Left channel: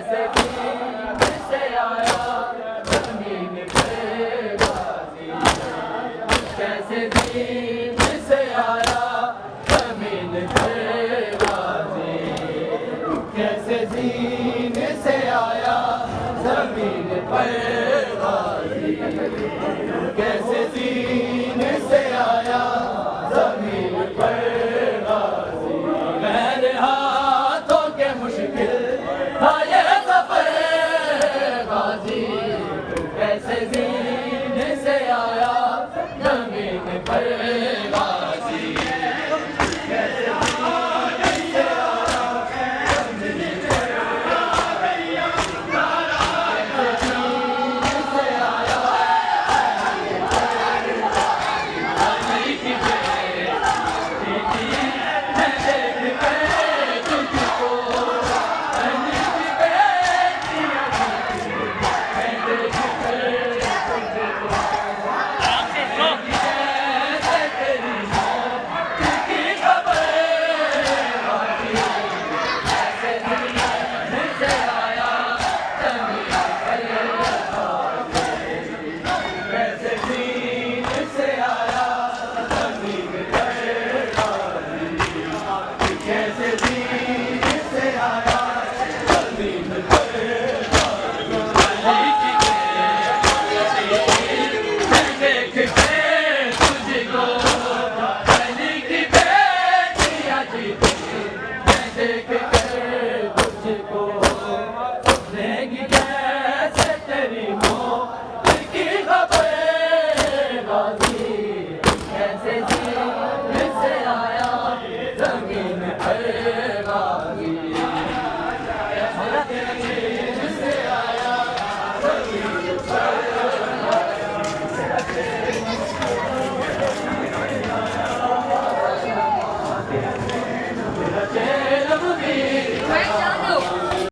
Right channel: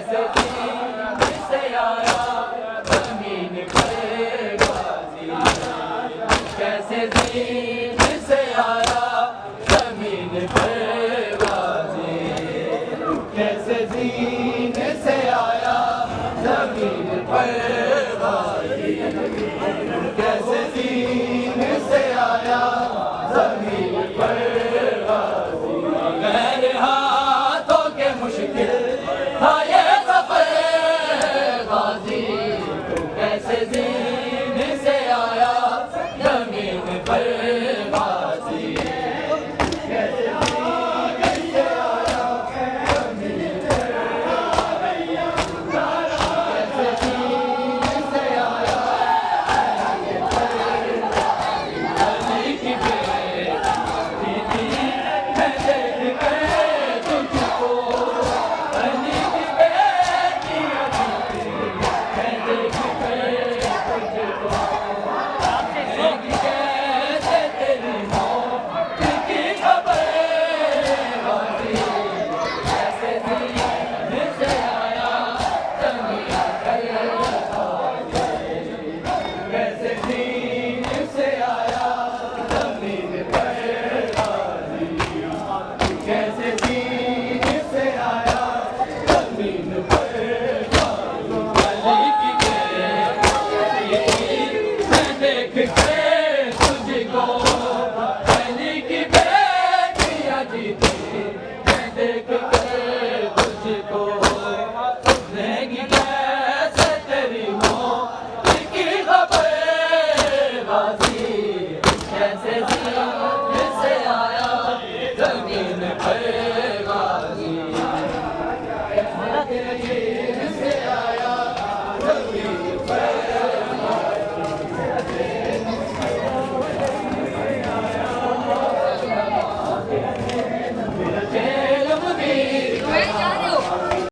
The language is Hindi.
कैसे दीन से आया जमीन पर गाजी, कैसे दीन से आया जमीन पर गाजी, कैसे दीन से आया जमीन पर गाजी, कैसे दीन से आया जमीन पर गाजी। मेरे हाथों के मुश्किल था ये सफर गाजी, तू कैसे दीन से आया जमीन पर गाजी, कैसे दीन से आया जमीन पर गाजी, कैसे दीन से आया अली की बेटी थी मैं देख के तुझको, अली की बेटी मैं देख के तुझको, कैसे तेरी मौत की खबर गाजी, कैसे दीन से आया जमीन पर गाजी, कैसे दीन से आया जमीन पर गाजी, कैसे दीन से आया जमीन पर गाजी। अली की बेटी मैं देख के तुझको, अली की बेटी अजीती मैं देख के तुझको, रहेगी कैसे तेरी मौत की खबर गाजी, कैसे दीन से आया जमीन पर गाजी, कैसे